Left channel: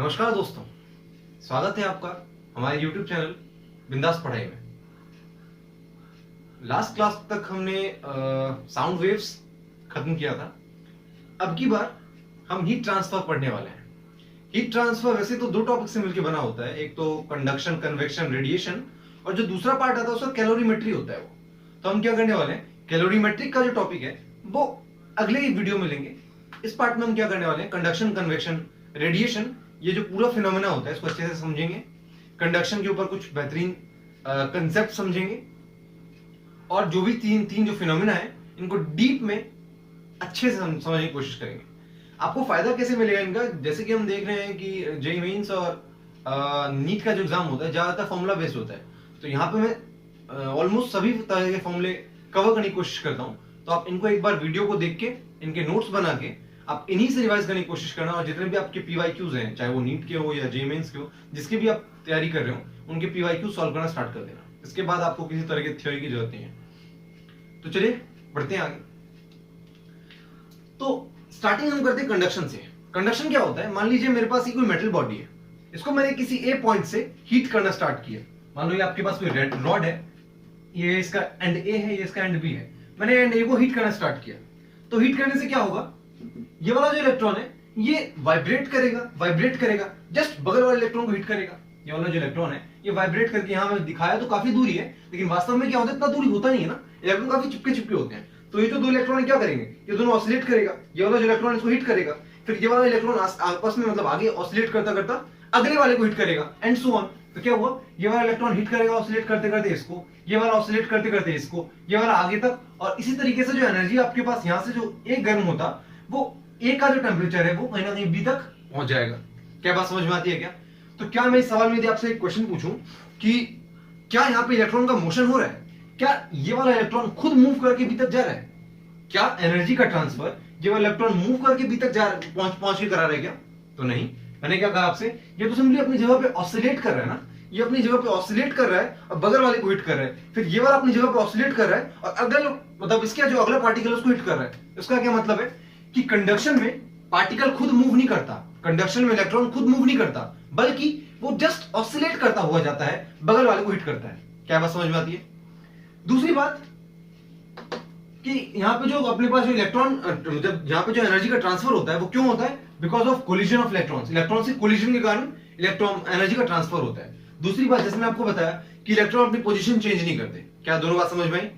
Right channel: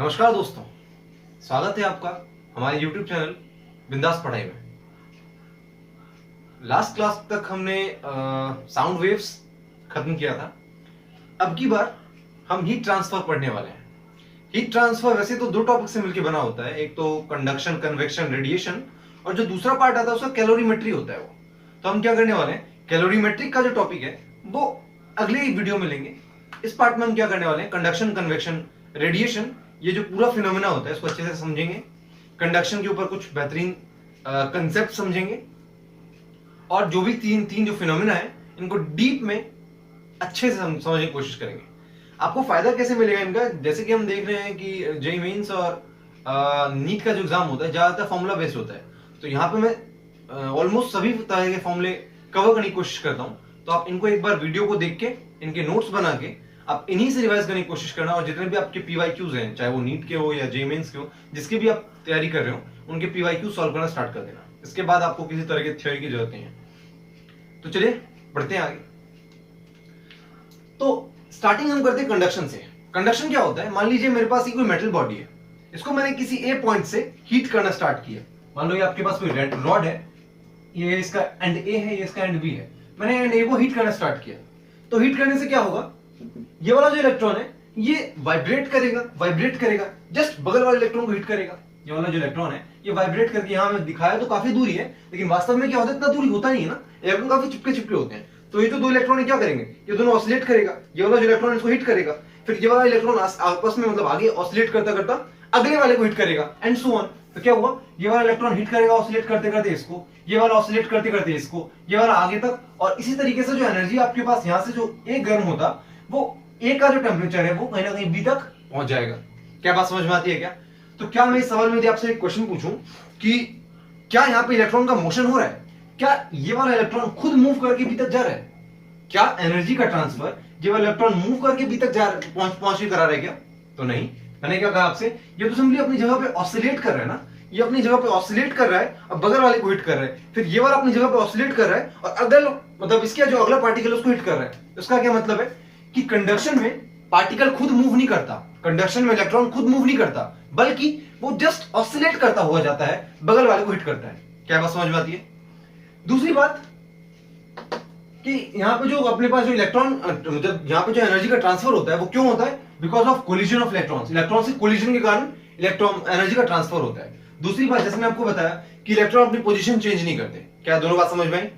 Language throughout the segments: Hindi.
नमस्कार दोस्तों, स्वागत है आपका हमारे YouTube चैनल बिंदास पढ़ाई में। लास्ट क्लास तक हमने साउंड वेव्स खत्म किया था। अब की बार हम हीट ट्रांसफर पढ़ने वाले हैं। हीट ट्रांसफर वैसे तो दो टॉपिक से मिलकर बना होता है, एक तो कंडक्शन, कन्वेक्शन, रेडिएशन, और जो दूसरा पार्ट आता है उसका कैलोरीमेट्री होता है। वो तो हम क्या करने वाले हैं, कैलोरीमेट्रिक का जो टॉपिक है वो अगले वीडियो में लेंगे। इस पार्ट में हम क्या करने वाले हैं, कंडक्शन, कन्वेक्शन, रेडिएशन, ये जो पूरा फिनोमेना होता है इसको अच्छे से समझेंगे। कंडक्शन के ऊपर कुछ बेहतरीन कंसेप्ट समझेंगे, और जो भी तीन जो फिनोमेना है इनको डीप में अच्छे से समझने की कोशिश करेंगे। आपको फायदा कैसे मिलेगा इनका, जैसे कि हम देख रहे हैं कि जेईई मेंस और नीट का जो एग्जाम होता है ज्यादातर फॉर्मूला बेस्ड होता है, तो यहाँ पे मैं ऑलमोस्ट सभी तरह के फॉर्मूले कवर करने की कोशिश करता हूँ। तो आप इनको एक बार वीडियो को देख के इनके नोट्स बना के आप इन्हीं से रिवाइज करने की कोशिश करना, और जितने भी आपके पीवाईक्यूज हैं, चाहे वो नीट के हो या जेईई मेंस के हो, जिसकी भी आप तैयारी कर रहे हो, उनके पीवाईक्यू सॉल्व करना स्टार्ट कर देना। इसके बाद आपको किसी तरह की थ्योरी की जरूरत नहीं है। तो चलिए बढ़ते हैं आगे। तो स्टार्टिंग हम करते हैं कंडक्शन से। कंडक्शन क्या होता है, मान लीजिए मेरे पास कोई मेटल बॉडी है, इसको मैंने किसी ए पॉइंट से हीट करना स्टार्ट किया। मान लो ये आपके पास कोई रेड रॉड है, ये इसका एंड ए है, ये इसका एंड बी है। मैंने एंड ए को हीट करना स्टार्ट किया, तो हीट करने से क्या होगा, ये वाला जो इलेक्ट्रॉन है ये वाइब्रेट करेगा, जस्ट बगल वाले इलेक्ट्रॉन को हिट करेगा। ये वाला जो इलेक्ट्रॉन है ये वाइब्रेट करके, यहां में दिखाया तो काफी दूरी है, लेकिन वास्तव में क्या होता है, इतना दूरी होता नहीं है ना, इलेक्ट्रॉन काफी चिपके होते हैं। तो ये जो दो इलेक्ट्रॉन क्या करेंगे, ये दोनों ऑसिलेट करेगा, ये वाला जो इलेक्ट्रॉन इसको हिट करेगा, फिर ये वाला इलेक्ट्रॉन आपस में मतलब आगे ऑसिलेट करता करता अगले वाले को हिट करेगा, एंड सो ऑन। तो क्या हुआ, ये वाला इलेक्ट्रॉन हिट करेगा ऑसिलेट करते करते इसको, ये वाला ऑसिलेट करते करते इसको, ये वाला आगे तक, और इसी तरीके से जो एनर्जी आपके पास यहां से जो ए गर्म होता, वो ए का जो टेम्परेचर है वो कहीं ना कहीं बी तक पहुंच जाएगा। क्या बात समझ में आती है क्या? तो क्या मैं इस सवाल में आपसे एक क्वेश्चन पूछूं कि क्या यहाँ पे इलेक्ट्रॉन का मोशन हो रहा है, क्या ये वाला इलेक्ट्रॉन खुद मूव करके बी तक जा रहा है, क्या एनर्जी का ट्रांसफर ये वाला इलेक्ट्रॉन मूव करके बी तक जा पहुंच के करा रहा है क्या? तो नहीं। मैंने क्या कहा आपसे, ये तो सिंपली अपनी जगह पे ऑसिलेट कर रहा है ना, ये अपनी जगह पे ऑसिलेट कर रहा है और बगल वाले को हिट कर रहा है, फिर ये वाला अपनी जगह पे ऑसिलेट कर रहा है और अगल मतलब इसका जो अगला पार्टिकल उसको हिट कर रहा है। इसका क्या मतलब है कि कंडक्शन में पार्टिकल खुद मूव नहीं करता, कंडक्शन में इलेक्ट्रॉन खुद मूव नहीं करता, बल्कि वो जस्ट ऑसिलेट करता हुआ जाता है, बगल वाले को हिट करता है। क्या बात समझ में आती है? दूसरी बात कि यहाँ पे जो अपने पास जो इलेक्ट्रॉन मतलब यहाँ पे जो एनर्जी का ट्रांसफर होता है वो क्यों होता है, because of collision of electrons. Electron से कोलिजन के कारण इलेक्ट्रॉन एनर्जी का ट्रांसफर होता है। दूसरी बात, जैसे मैं आपको बताया कि इलेक्ट्रॉन अपनी पोजीशन चेंज नहीं करते। क्या दोनों बात समझ में आई?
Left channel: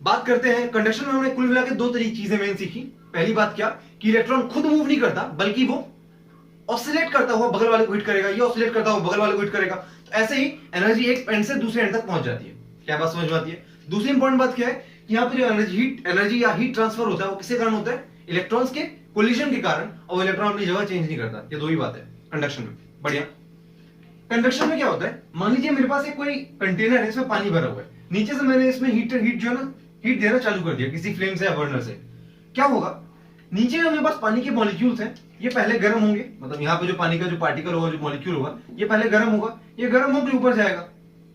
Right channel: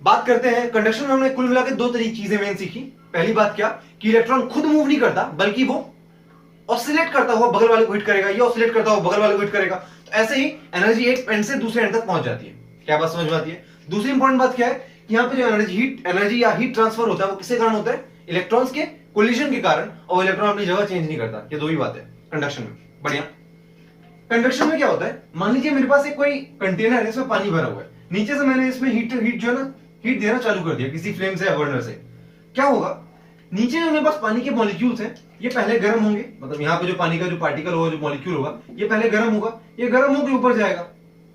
बात करते हैं कंडक्शन में हमने कुल मिलाकर दो तरीके चीजें मेन सीखी। पहली बात क्या कि इलेक्ट्रॉन खुद मूव नहीं करता, बल्कि वो ऑसिलेट करता हुआ बगल वाले को हिट करेगा, ये ऑसिलेट करता हुआ बगल वाले को हिट करेगा। तो ऐसे ही एनर्जी एक एंड से दूसरे एंड तक पहुंच जाती है। क्या बात समझ में आती है? दूसरी इंपॉर्टेंट बात क्या है, यहाँ पे जो एनर्जी या हीट ट्रांसफर होता है वो किसके कारण होता है, इलेक्ट्रॉन्स के कोलिजन के कारण, और इलेक्ट्रॉन अपनी जगह चेंज नहीं करता। ये दो ही बात है कंडक्शन में। बढ़िया। कंडक्शन में क्या होता है, मान लीजिए मेरे पास एक कोई कंटेनर है, इसमें पानी भरा हुआ है, नीचे से मैंने इसमें हीट जो है ना हीट देना चालू कर दिया किसी फ्लेम से या बर्नर से। क्या होगा, नीचे जो मेरे पास पानी के मॉलिक्यूल्स हैं ये पहले गर्म होंगे, मतलब यहाँ पे जो पानी का जो पार्टिकल होगा, जो मॉलिक्यूल होगा, ये पहले गर्म होगा, ये गर्म होकर ऊपर जाएगा।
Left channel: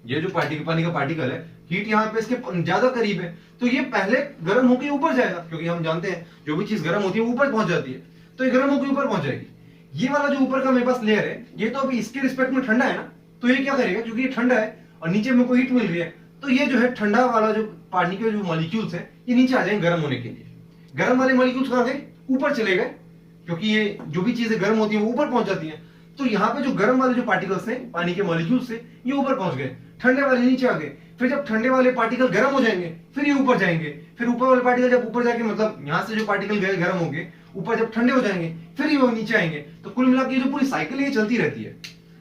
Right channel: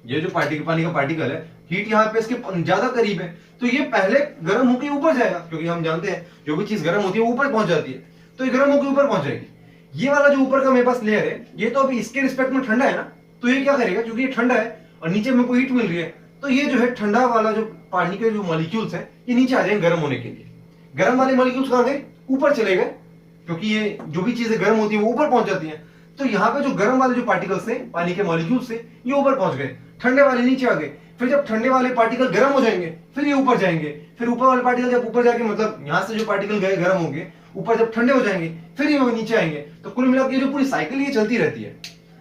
ये जो पानी का पार्टिकल है, हीट यहाँ पे इसके ज्यादा करीब है, तो ये पहले गर्म होकर ऊपर जाएगा, क्योंकि हम जानते हैं जो भी चीज गर्म होती है वो ऊपर पहुंच जाती है, तो ये गर्म होकर ऊपर पहुंच जाएगी। ये वाला जो ऊपर का मेरे पास लेयर है, ये तो अभी इसके रिस्पेक्ट में ठंडा है ना, तो ये क्या करेगा, क्योंकि ये ठंडा है और नीचे मेरे को हीट मिल रही है, तो ये जो है ठंडा वाला जो पानी के जो मॉलिक्यूल्स है ये नीचे आ जाएंगे गर्म होने के लिए। गर्म वाले मॉलिक्यूल्स कहां गए, ऊपर चले गए, क्योंकि ये जो भी चीजें गर्म होती है वो ऊपर पहुंच जाती हैं। तो यहाँ पे जो गर्म वाले जो पार्टिकल्स थे पानी के मॉलिक्यूल्स से, ये ऊपर पहुंच गए, ठंडे वाले नीचे आ गए। फिर जब ठंडे वाले पार्टिकल गर्म हो जाएंगे फिर ये ऊपर जाएंगे, फिर ऊपर वाले पार्टिकल जब ऊपर जाके मतलब यहाँ से जो पार्टिकल गए गर्म होंगे, ऊपर जब ठंडे हो जाएंगे फिर ये नीचे आएंगे। तो कुल मिलाकर ये जो पूरी साइकिल ये चलती रहती है।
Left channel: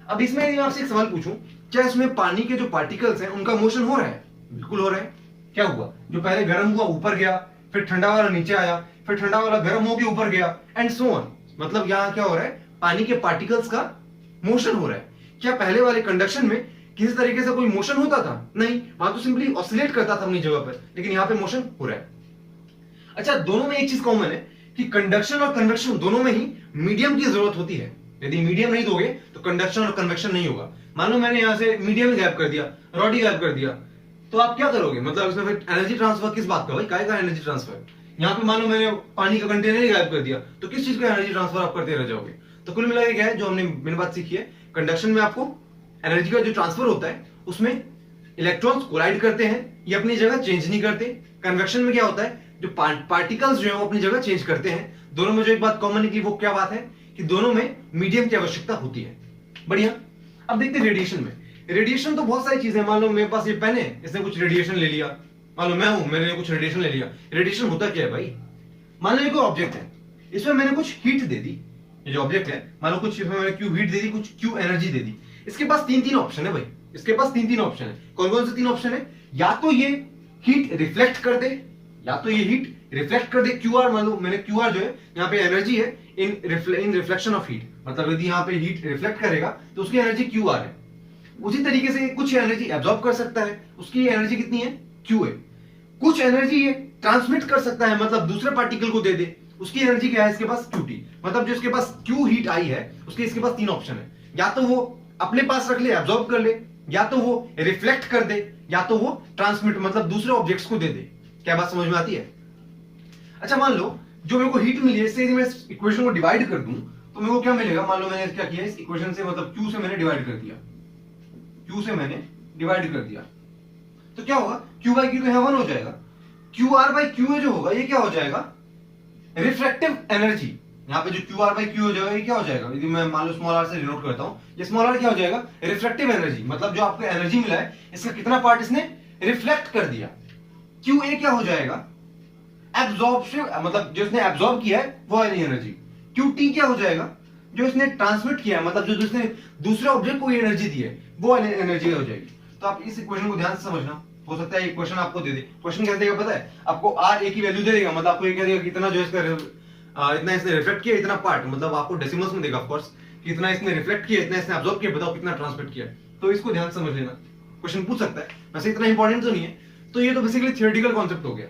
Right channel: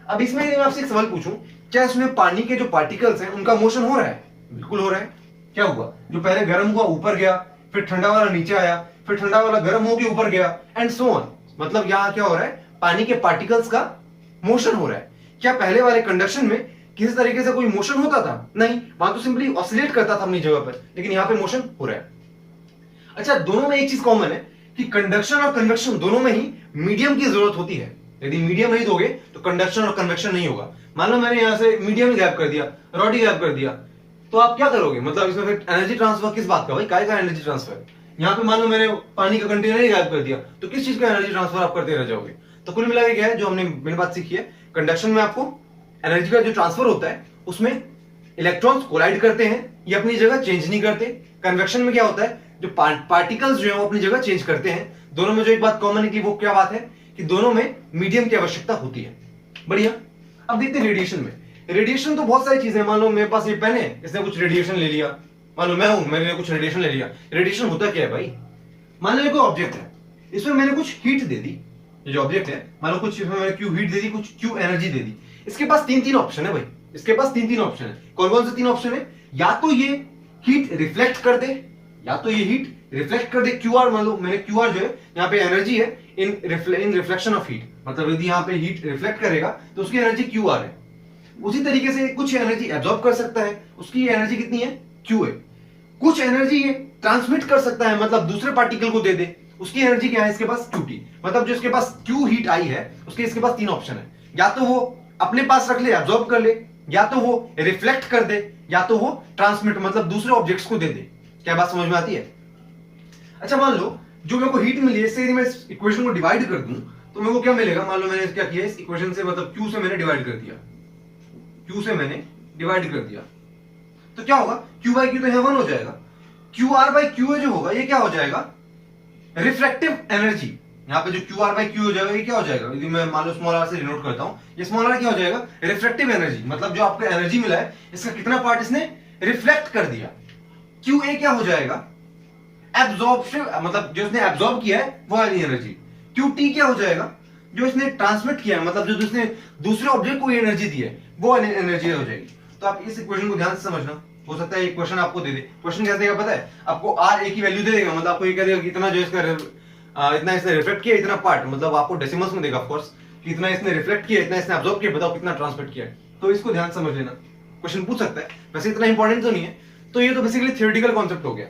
अब इसमें आपसे एक सवाल पूछूं, क्या इसमें पानी के जो पार्टिकल्स हैं उनका मोशन हो रहा है? बिल्कुल हो रहा है। क्या हुआ, जो पहले गर्म हुआ ऊपर गया, फिर ठंडा वाला नीचे आया, फिर ठंडा वाला गर्म होकर ऊपर गया, एंड सो ऑन। मतलब यहाँ क्या हो रहा है, पानी के पार्टिकल्स का मोशन हो रहा है। क्या पहले वाले कंडक्शन में किसी तरीके से कोई मोशन होता था? नहीं, वहां तो सिंपली ऑसिलेट करता था अपनी जगह पर, लेकिन यहाँ पे मोशन हो रहा है। अच्छा, दोनों में एक चीज कॉमन है कि कंडक्शन और कन्वेक्शन दोनों में ही मीडियम की जरूरत होती है। यदि मीडियम नहीं दोगे तो कंडक्शन और कन्वेक्शन नहीं होगा। मान लो मैंने यहाँ से मीडियम ही गायब कर दिया, रॉड ही गायब कर दिया, तो आप क्या करोगे, मतलब इसमें फिर एनर्जी ट्रांसफर किस बात का, भाई काय का एनर्जी ट्रांसफर? यहाँ पे मान लो मैंने पानी का कंटेनर ही गायब कर दिया, तो किस चीज का एनर्जी ट्रांसफर आप करते रह जाओगे? तो कुल मिला के क्या है जो हमने मेन बात सीखी है, कंडक्शन में आपको एनर्जी का जो ट्रांसफर होता है उसमें इलेक्ट्रॉन्स कोलाइड करते हैं, ये अपनी जगह चेंज नहीं करते। कन्वेक्शन में क्या होता है, जो पार्टिकल्स जो है वो अपनी जगह चेंज करते हैं। दोनों में जो एक बात कॉमन निकली वो क्या बात है कि दोनों में मीडियम की आवश्यकता होती है। बढ़िया। अब देखते हैं रेडिएशन में। रेडिएशन तो बहुत सारी चीजें, मान लो मेरे पास ये पेन है, इसने कुछ रेडिएशन ले लिया, मान लो मैं हूं, मैंने कुछ रेडिएशन ले लिया। रेडिएशन होता क्या है भाई, मान लो ये कोई ऑब्जेक्ट है, इसमें मैंने कुछ हीट दे दी, ये जो ऑब्जेक्ट है मान लो कुछ इसमें मैंने क्यू हीट दे दी, कुछ क्यू एनर्जी दे दी। इसके पास तीन ऑप्शन है भाई, इसके पास तीन ऑप्शन है। कौन कौन से तीन ऑप्शन है, या तो ये हीट रिफ्लेक्ट कर दे, या तो ये हीट रिफ्लेक्ट कर दे, क्यूआर, मान लो मैंने क्यूआर जो है यहाँ पे एनर्जी है इन रिफ्लेक्शन ऑफ हीट, मतलब यदि यहाँ पे हीट रिफ्लेक्ट करेगा तो उसकी एनर्जी क्यूआर है। उसी तरीके से कुछ एनर्जी एब्जॉर्ब कर सकता है, उसकी एनर्जी कितनी है, क्यू है। कुछ एनर्जी ये ट्रांसमिट कर सकता है, मतलब दूसरे पार्टिकल को दे दे, उसकी एनर्जी क्या है इसके पास, क्यूटी। मतलब जो इसके पास क्यू हीट आई है उसके इसके पास तीन ऑप्शन है, या तो वो अपने पास रख ले, एब्जॉर्ब कर ले, या तो वो रिफ्लेक्ट कर दे, या तो वो ट्रांसमिट मतलब दूसरे ऑब्जेक्ट्स को दे दे। क्या बात समझ में आती है। अच्छा मान लो जो मेरे को हीट मिली है, इससे यदि मैं इस इक्वेशन को डिवाइड कर दूं तो मेरे को क्या मिलेगा, मान लो मैंने क्या किया इस इक्वेशन से, मतलब Q से मैंने डिवाइड कर दिया, Q से मैंने डिवाइड कर दिया, तो क्या होगा, Q बाई Q तो यहां 1 हो जाएगा। QR बाई Q जो होगा ये क्या हो जाएगा, रिफ्रैक्टिव एनर्जी। यहाँ पे जो QR बाई Q हो जाएगा ये क्या हो जाएगा, यदि मैं मान लो स्मॉल r से डिनोट करता हूं, ये स्मॉल r क्या हो जाएगा, रिफ्रैक्टिव एनर्जी। मतलब जो आपको एनर्जी मिला है इसका कितना पार्ट इसने रिफ्लेक्ट कर दिया। QA क्या हो जाएगा, एब्जॉर्प्शन, मतलब जो इसने एब्जॉर्ब किया है वो वाली एनर्जी। QT क्या हो जाएगा, जो इसने ट्रांसमिट किया है, मतलब जो इसने दूसरे ऑब्जेक्ट को एनर्जी दी है वो वाली एनर्जी हो जाएगी। तो आप इस इक्वेशन को ध्यान से समझना, हो सकता है ये क्वेश्चन आपको दे दे। क्वेश्चन कैसे देगा पता है आपको, R A की वैल्यू दे देगा, मतलब आपको ये कह देगा कि इतना जो इसका इतना इसने रिफ्लेक्ट किया, इतना पार्ट, मतलब आपको डेसिमल्स में देगा ऑफ कोर्स, कि इतना इसने रिफ्लेक्ट किया, इतना इसने एब्जॉर्ब किया, बताओ कितना ट्रांसमिट किया। तो इसको ध्यान समझ लेना, क्वेश्चन पूछ सकता है, वैसे इतना इंपॉर्टेंट तो नहीं है। तो ये तो बेसिकली थियोरेटिकल कॉन्सेप्ट हो गया।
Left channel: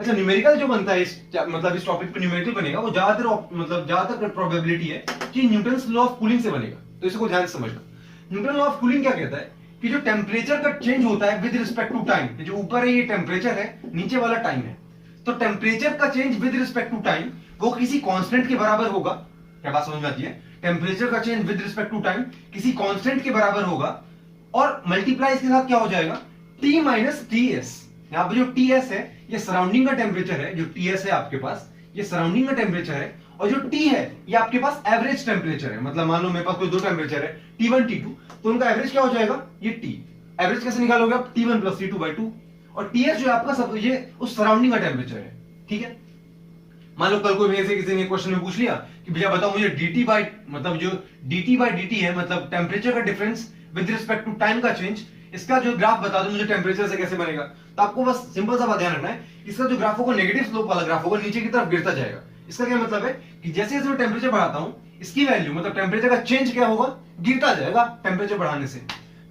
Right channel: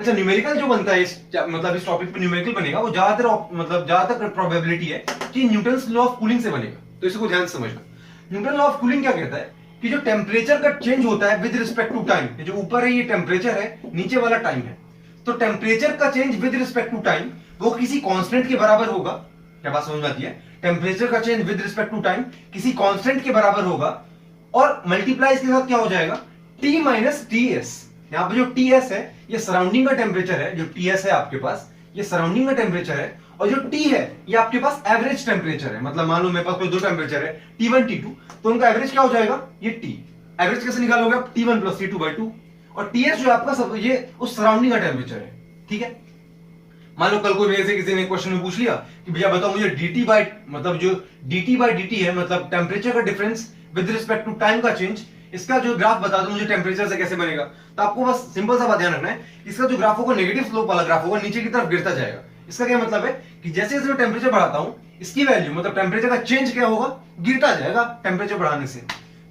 अच्छा न्यूमेरिकल जो बनता है मतलब इस टॉपिक पे न्यूमेरिकल बनेगा, वो ज्यादातर प्रोबेबिलिटी है कि न्यूटन्स लॉ ऑफ कूलिंग से बनेगा। तो इसको ध्यान से समझना। न्यूटन लॉ ऑफ कूलिंग क्या कहता है कि जो टेम्परेचर का चेंज होता है विद रिस्पेक्ट टू टाइम, जो ऊपर है ये टेम्परेचर है, नीचे वाला टाइम है, तो टेम्परेचर का change with respect to time वो किसी कांस्टेंट के बराबर होगा। क्या बात समझ में आती है, टेम्परेचर का change with respect to time किसी कांस्टेंट के बराबर होगा, और मल्टीप्लाई इसके साथ क्या हो जाएगा, T माइनस TS। यहाँ पे जो TS है ये सराउंडिंग का टेम्परेचर है, जो TS है आपके पास ये सराउंडिंग का टेम्परेचर है, और जो T है ये आपके पास एवरेज टेम्परेचर है। मतलब मान लो मेरे पास कोई दो टेम्परेचर है T1 T2, तो उनका एवरेज क्या हो जाएगा, ये T। एवरेज कैसे निकालोगे आप, T1 प्लस T2 बाई 2, और TS जो है आपका सब ये उस सराउंडिंग का टेम्परेचर है। ठीक है, मान लो कल को मेरे से किसी ने क्वेश्चन में पूछ लिया कि भैया बताओ मुझे dt बाई, मतलब जो dt बाई dt है, मतलब टेम्परेचर का difference with respect to time का चेंज, इसका जो ग्राफ बता दो मुझे टेम्परेचर से कैसे बनेगा। तो आपको बस सिंपल सा बात ध्यान रखना है, इसका जो ग्राफ होगा नेगेटिव स्लोप वाला ग्राफ होगा, नीचे की तरफ गिरता जाएगा। इसका क्या मतलब है कि जैसे जैसे मैं टेम्परेचर बढ़ाता हूं इसकी वैल्यू, मतलब टेम्परेचर का चेंज क्या होगा, गिरता जाएगा टेम्परेचर बढ़ाने से।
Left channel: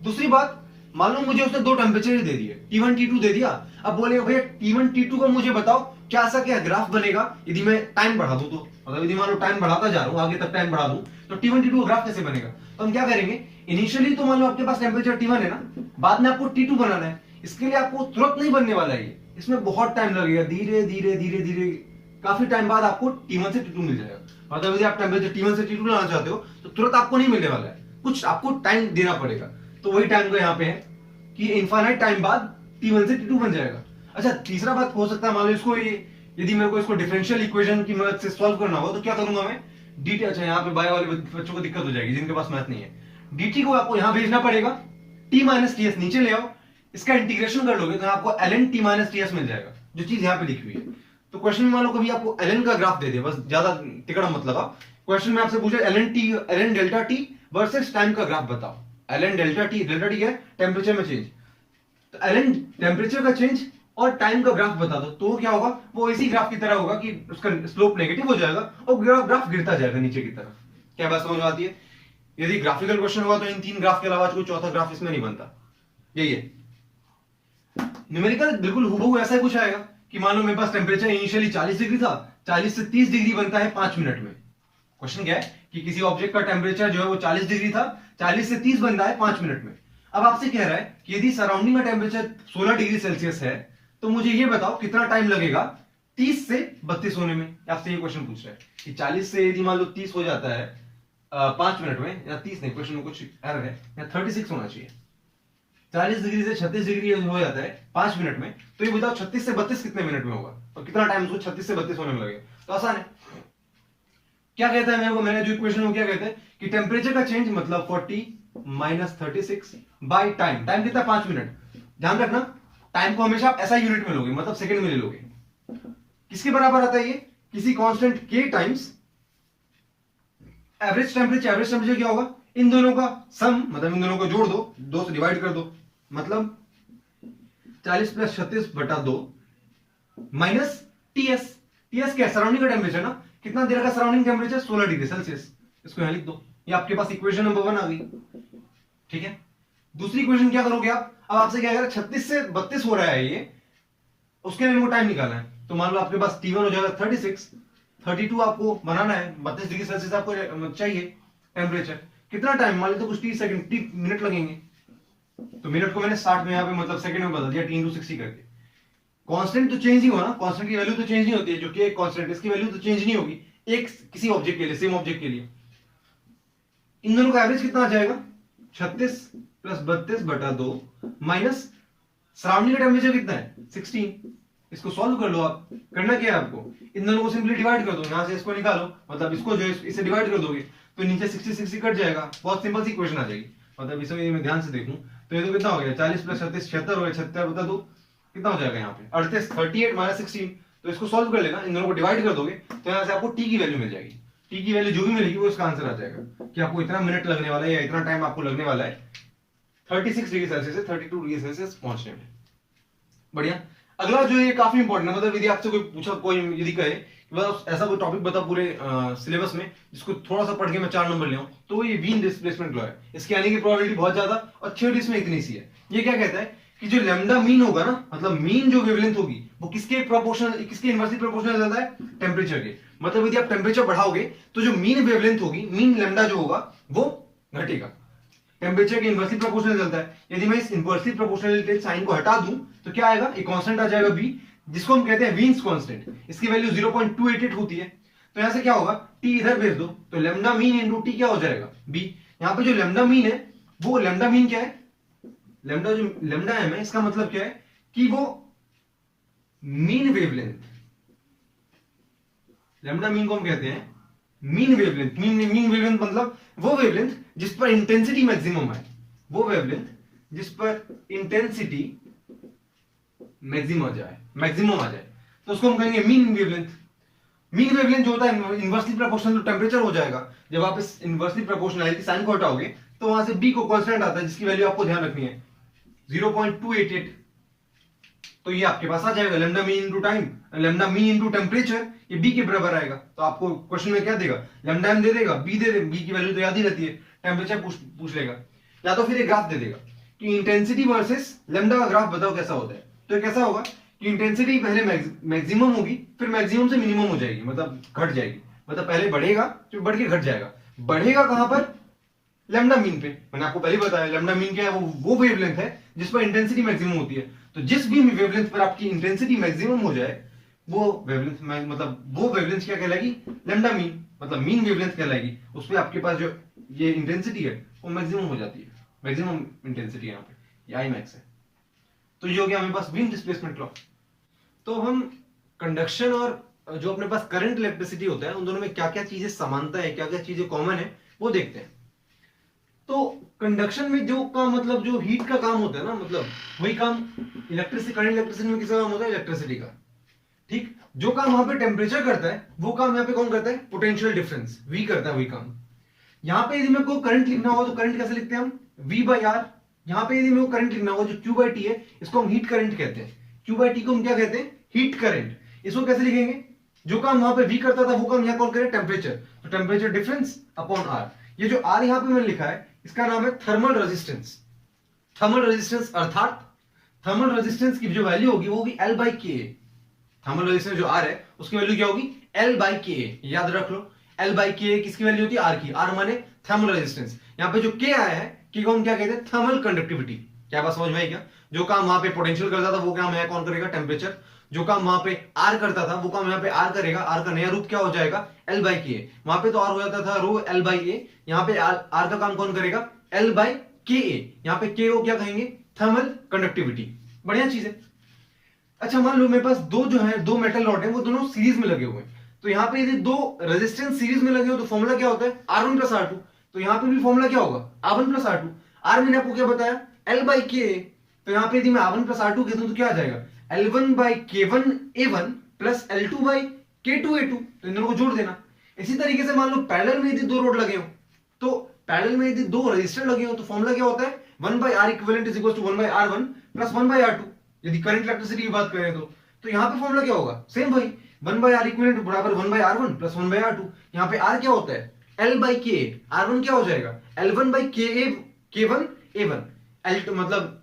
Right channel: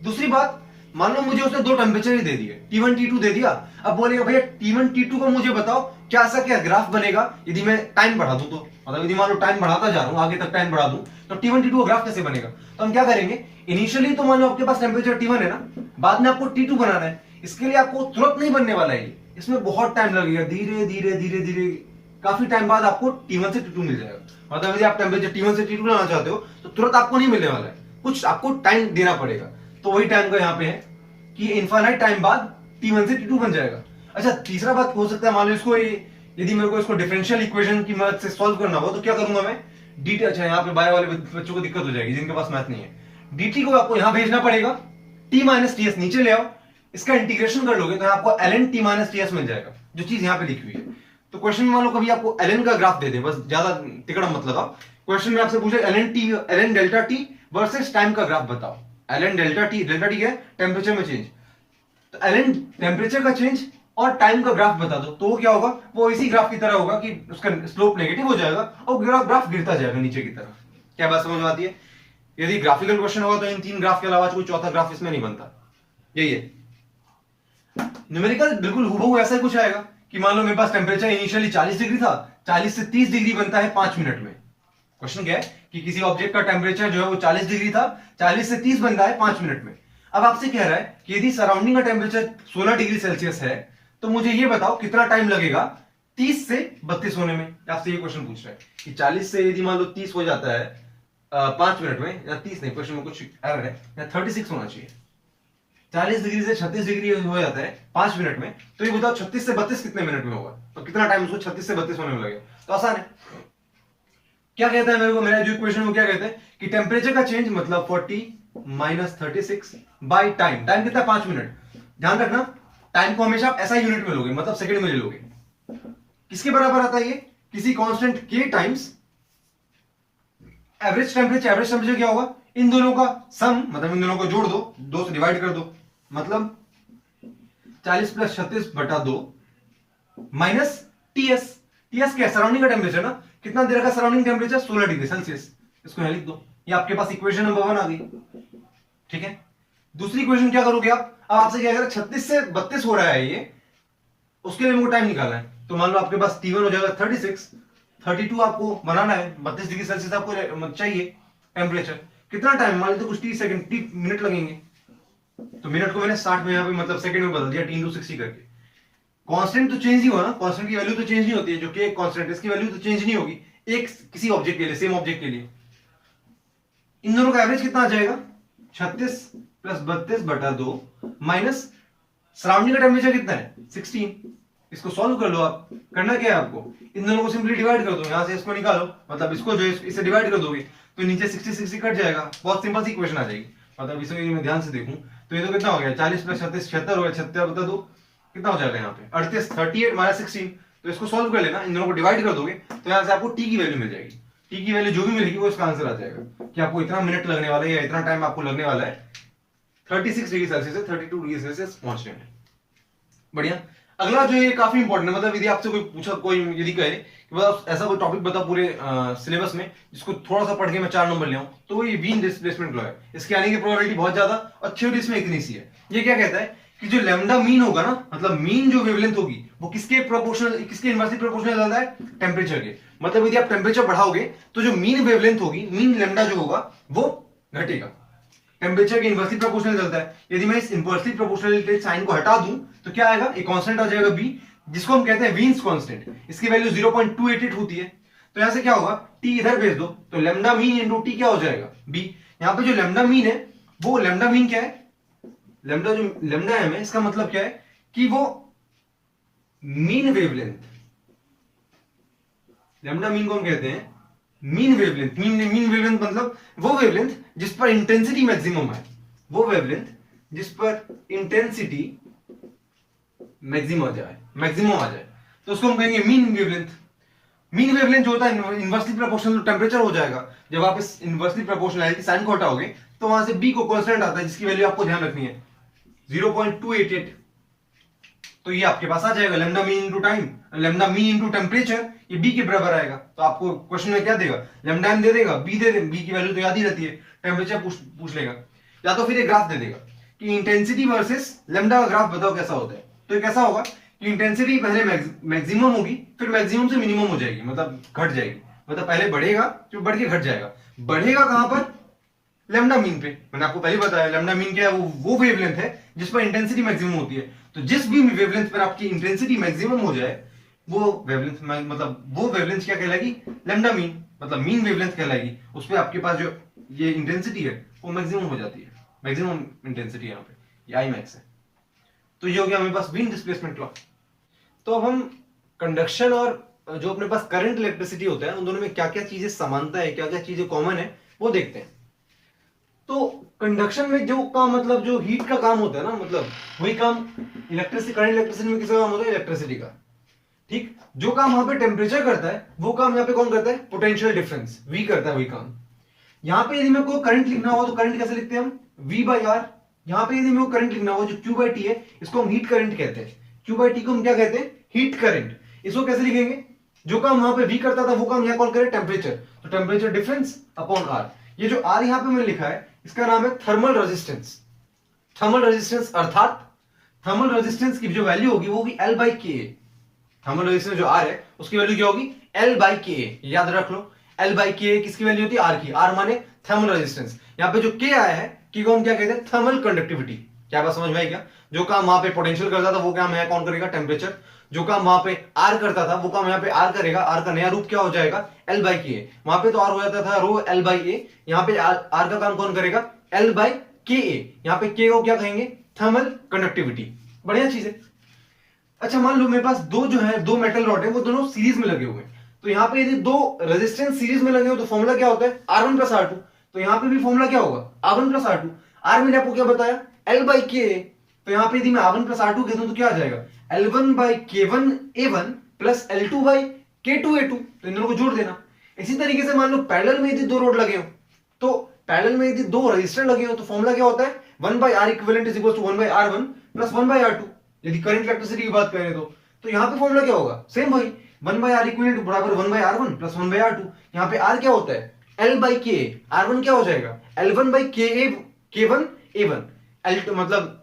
दूसरी बात, मान लो मुझे उसने दो टेम्परेचर ही दे दिए, T1 T2 दे दिया, अब बोलेगा भैया T1 T2 को मुझे बताओ क्या सा क्या ग्राफ बनेगा यदि मैं टाइम बढ़ा दूं, तो मतलब यदि मान लो टाइम बढ़ाता जा रहा हूं, आगे तक टाइम बढ़ा दूं, तो T1 T2 का ग्राफ कैसे बनेगा। तो हम क्या करेंगे, इनिशियली तो मान लो आपके पास टेम्परेचर T1 है ना, बाद में आपको T2 बनाना है, इसके लिए आपको तुरंत नहीं बनने वाला है, इसमें बहुत टाइम लगेगा, धीरे धीरे धीरे धीरे काफी टाइम बाद आपको T1 से T2 मिल जाएगा। मतलब यदि आप टेम्परेचर T1 से T2 लाना चाहते हो तो तुरंत आपको नहीं मिलने वाला है, कुछ आपको टाइम देना पड़ेगा। तो वही टाइम का यहाँ पे है कि इनफाइनाइट टाइम बाद T1 से T2 बन जाएगा। अच्छा तीसरा बात हो सकता है, मान लो इसको यदि मेरे को इसको डिफरेंशियल इक्वेशन की मदद से सॉल्व करना हो तो क्या करूंगा मैं, dt, अच्छा यहाँ पे बायो वाले बच्चों को दिक्कत हो जाएगी जिनके पास मैथ नहीं है, dt को आपको यहाँ भेजना पड़ेगा, t माइनस ts नीचे ले आओ, इसका इंटीग्रेशन कर लोगे तो आपको ln t माइनस ts मिल जाएगा, जो चीज यहाँ पे लिखी हुई है। तो क्वेश्चन में मान लो कभी आपको ln का ग्राफ दे दे, बस ज्यादा तिकड़ा मत लगाओ, क्वेश्चन में आपसे पूछे ln delta t versus time का ग्राफ बताओ। ln डेल्टा t क्या है, टेम्परेचर में चेंज, तो ln टेम्परेचर का चेंज और टाइम का ग्राफ बता दो, तो वो क्या होगा, वो इसी ग्राफ की तरह होगा कि उसका स्लोप नेगेटिव हो जाएगा और ग्राफ गिरता जाएगा नीचे की तरफ। क्या बात समझ में आती है। यदि ग्राफिकल क्वेश्चन होगा तो इन तीन ग्राफ के अलावा कोई चौथा ग्राफ इसमें नहीं बनता। यही है न्यूमेरिकल, बिल्कुल हूबहू ऐसा ही कुछ आएगा कि मान लो मेरे पास टेम्परेचर इनिशियली 40 डिग्री था, 40 से 30 डिग्री बनता है 5 मिनट में। क्वेश्चन क्या है कि किसी ऑब्जेक्ट का टेम्परेचर जो है वो 40 डिग्री था, 40 से 30 बनता है 5 मिनट में। अब आपसे कह रहा है कि यदि सराउंडिंग का टेम्परेचर 16 डिग्री सेल्सियस है तो मुझे ये बताओ कितना टाइम लगेगा 30 से 32 होने में। आपसे ये क्वेश्चन पूछ रहा है कि 40 से यदि मान लो 30 हो जाता है 5 मिनट में, या 30 नहीं, क्वेश्चन में कुछ एरर है, या 36 होना चाहिए। 40 डिग्री से 36 डिग्री हो जाता है 5 मिनट में, तो ये बताओ 36 से 32 कितने मिनट में होगा, और कितना टाइम उसको 36 से 32 होने में लगेगा। तो आसान है। क्या कहता है मेरे को, मेरा जो इक्वेशन वो क्या कहते हैं कि टेम्परेचर का चेंज मतलब 40 माइनस 36 बाई टाइम। टाइम कितना, 5 मिनट। ध्यान रखना टाइम को हमेशा आप ऐसा यूनिट में लोगे, मतलब सेकंड में ले लोगे। किसके बराबर आता है ये, किसी कांस्टेंट के times average temperature. Average temperature क्या होगा, इन दोनों का सम, मतलब इन दोनों को जोड़ दो, 2 से डिवाइड कर दो, मतलब 40 प्लस 36 बटा 2 माइनस टीएस। टीएस क्या है, सराउंडिंग का टेम्परेचर ना, कितना देर का सराउंडिंग टेम्परेचर, 16 डिग्री सेल्सियस। इसको यहां लिख दो, ये आपके पास इक्वेशन नंबर 1 आ गई। ठीक है, दूसरी इक्वेशन क्या करोगे आप, अब आपसे क्या करें, 36 से 32 हो रहा है ये, उसके लिए मेरे टाइम निकालना है। तो मान लो आपके पास T1 हो जाएगा 36, 32 आपको बनाना है, 32 डिग्री सेल्सियस आपको चाहिए टेम्परेचर। कितना टाइम, मान लो कुछ 30 सेकंड 30 मिनट लगेंगे, तो मिनट को मैंने 60 में यहाँ पे मतलब सेकंड में बदल दिया, T × 60 करके। कांस्टेंट तो चेंज ही हुआ ना, कांस्टेंट की वैल्यू तो चेंज नहीं होती है, जो कि एक कांस्टेंट है इसकी वैल्यू तो चेंज नहीं होगी एक किसी ऑब्जेक्ट के लिए, सेम ऑब्जेक्ट के लिए। इन दोनों का एवरेज कितना आ जाएगा, 36 प्लस 32 बटा 2 माइनस सराउंडिंग का टेम्परेचर कितना है, 16। इसको सॉल्व कर लो आप। करना क्या है आपको, इन दोनों को सिंपली डिवाइड कर दो, यहां से इसको निकालो, मतलब इसको जो है इससे डिवाइड कर दोगे तो नीचे 60 कट जाएगा, बहुत सिंपल सी इक्वेशन आ जाएगी। मतलब इसे मैं ध्यान से देखूं तो ये तो कितना हो गया, 40 प्लस 36 76 हो गया, 76 बता दो कितना हो जाएगा यहाँ पे 38, 38 माइनस 16। तो इसको सॉल्व कर लेना, इन दोनों को डिवाइड कर दोगे तो यहाँ से आपको टी की वैल्यू मिल जाएगी। टी की वैल्यू जो भी मिलेगी वो इसका आंसर आ जाएगा कि आपको इतना मिनट लगने वाला है या इतना टाइम आपको लगने वाला है 36 डिग्री सेल्सियस से 32 डिग्री सेल्सियस पहुंचने में। बढ़िया। अगला जो ये काफी इंपॉर्टेंट है, मतलब यदि आपसे कोई पूछा, कोई यदि कहे कि बस ऐसा कोई टॉपिक बता पूरे सिलेबस में जिसको थोड़ा सा पढ़ के मैं 4 नंबर ले आऊं, तो ये वीन डिस्प्लेसमेंट लॉ है। इसके आने की प्रोबेबिलिटी बहुत ज्यादा और थ्योरी इसमें इतनी सी है। ये क्या कहता है कि जो लैम्डा मीन होगा ना, मतलब मीन जो वेवलेंथ होगी वो किसके प्रोपोर्शनल, किसके इनवर्सली प्रोपोर्शनल चलता है, टेम्परेचर के। मतलब यदि आप टेम्परेचर बढ़ाओगे तो जो मीन वेवलेंथ होगी, मीन लैम्डा जो होगा वो घटेगा, टेम्परेचर के इनवर्सली प्रोपोर्शनल चलता है। यदि मैं इस इनवर्सली प्रोपोर्शनल साइन को हटा दूं तो क्या आएगा, एक कांस्टेंट आ जाएगा बी, जिसको हम कहते हैं वीन्स कांस्टेंट। इसकी वैल्यू 0.288 होती है। तो यहां से क्या होगा, टी इधर भेज दो तो लैम्डा मीन इनटू टी क्या हो जाएगा, बी। यहां पे जो लैम्डा मीन है वो लैम्डा मीन क्या है, लैम्डा जो लैम्डा एम है, इसका मतलब क्या है कि वो मीन वेवलेंथ, लैम्डा मीन को हम कहते हैं मीन वेवलेंथ। मीन वेवलेंथ मतलब वो वेवलेंथ जिस पर इंटेंसिटी मैक्सिमम है, वो वेवलेंथ जिस पर इंटेंसिटी मैक्सिमम आ जाए तो उसको हम कहेंगे मीन वेवलेंथ। मीन वेवलेंथ जो होता है इनवर्सली प्रोपोर्शनल टेम्परेचर हो जाएगा। जब आप इस इनवर्सली प्रोपोर्शनलिटी साइन को हटाओगे तो वहां से बी को कांस्टेंट आता है जिसकी वैल्यू आपको ध्यान रखनी है 0.288। तो ये आपके पास आ जाएगा lambda mean into time, lambda mean into temperature, ये बी के बराबर आएगा। तो आपको क्वेश्चन में क्या देगा, लैम्डा एम दे देगा, बी दे दे, बी की वैल्यू तो याद ही रहती है, टेम्परेचर पूछ लेगा, या तो फिर एक ग्राफ दे देगा कि इंटेंसिटी वर्सेस लैम्डा का ग्राफ बताओ कैसा होता है। तो ये कैसा होगा कि इंटेंसिटी पहले मैक्सिमम होगी, फिर मैक्सिमम से मिनिमम हो जाएगी, मतलब घट जाएगी, मतलब पहले बढ़ेगा फिर बढ़ के घट जाएगा। बढ़ेगा कहां पर, लैम्डा मीन पे। मैंने आपको पहले बताया लैम्डा मीन क्या है, वो वेवलेंथ है जिस पर इंटेंसिटी मैक्सिमम होती है। तो जिस भी वेवलेंथ पर आपकी इंटेंसिटी मैक्सिमम हो जाए वो वेवलेंथ, मतलब वो वेवलेंथ क्या कहलाएगी, लैम्डा मीन, मतलब मीन वेवलेंथ कहलाएगी। उस पर आपके पास जो ये इंटेंसिटी है वो मैक्सिमम हो जाती है, मैक्सिमम इंटेंसिटी यहाँ पे, ये आई मैक्स है। तो ये हो गया हमारे पास वीन डिस्प्लेसमेंट लॉ। तो अब हम कंडक्शन और जो अपने पास करंट इलेक्ट्रिसिटी होता है उन दोनों में क्या क्या चीजें समानता है, क्या क्या चीजें कॉमन है वो देखते हैं। तो कंडक्शन में जो काम, मतलब जो हीट का काम होता है ना, मतलब वही काम इलेक्ट्रिसिटी, करंट इलेक्ट्रिसिटी में किसका काम होता है, इलेक्ट्रिसिटी का। ठीक, जो काम वहां पे टेम्परेचर करता है वो काम यहाँ पे कौन करता है, पोटेंशियल डिफरेंस, वी करता है वही काम। यहाँ पे यदि मेरे को करंट लिखना हो तो करंट कैसे लिखते हैं हम, V बाई आर। यहाँ पे यदि मेरे को करंट लिखना हो, जो Q बाई टी है इसको हम हीट करंट कहते हैं। Q बाई टी को हम क्या कहते हैं, हीट करंट। इसको कैसे लिखेंगे, जो काम वहां पे V करता था वो काम यहाँ कौन करे, टेम्परेचर। तो टेम्परेचर डिफरेंस अपॉन R। ये जो R यहाँ पे मैंने लिखा है इसका नाम है थर्मल रेजिस्टेंस। थर्मल रेजिस्टेंस अर्थात थर्मल रेजिस्टेंस की जो वैल्यू होगी वो होगी L बाई के। थर्मल रेजिस्टेंस जो R है उसकी वैल्यू क्या होगी, L बाई के। याद रख लो, L बाई के किसकी वैल्यू होती है, R की। R माने थर्मल रेजिस्टेंस। यहाँ पे जो K आया है, K को हम क्या कहते हैं, थर्मल कंडक्टिविटी। क्या बात समझ में आई क्या, जो काम वहां पे पोटेंशियल करता था वो काम यहाँ कौन करेगा, टेम्परेचर। जो काम वहां पे आर करता था वो काम यहाँ पे आर करेगा। आर का नया रूप क्या हो जाएगा, एल बाई के। वहां पे तो आर हो जाता था रो एल बाई ए, यहाँ पे आर का काम कौन करेगा, एल बाई के ए। यहाँ पे के को क्या कहेंगे, थर्मल कंडक्टिविटी। बढ़िया चीज है। अच्छा मान लो मेरे पास दो मेटल रॉड है, वो दोनों सीरीज में लगे हुए हैं। तो यहाँ पे यदि दो रेजिस्टेंस सीरीज में लगे हो तो फॉर्मूला क्या होता है, R1 प्लस R2। तो यहाँ पे भी फॉर्मूला क्या होगा, R1 प्लस R2। R मैंने आपको क्या बताया, L बाई के। तो यहाँ पे यदि मैं R1 प्लस R2 कह दूं तो क्या आ जाएगा, L1 by K1 A1 plus L2 by K2 A2। तो इन दोनों को जोड़ देना। इसी तरीके से मान लो पैरेलल में यदि दो रोड लगे हो, तो पैरेलल में यदि दो रजिस्टर लगे हो तो फॉर्मूला क्या होता है, 1 by R equivalent is equal to 1 by R1 plus 1 by R2। यदि करंट इलेक्ट्रिसिटी की बात करें तो यहाँ पे फॉर्मूला क्या होगा, सेम भाई 1 बाई R इक्विवेलेंट बराबर 1 by R1 plus 1 by R2। यहाँ पे R क्या होता है, L बाई के। R1 क्या हो जाएगा, L1 by K1 A1। L2 मतलब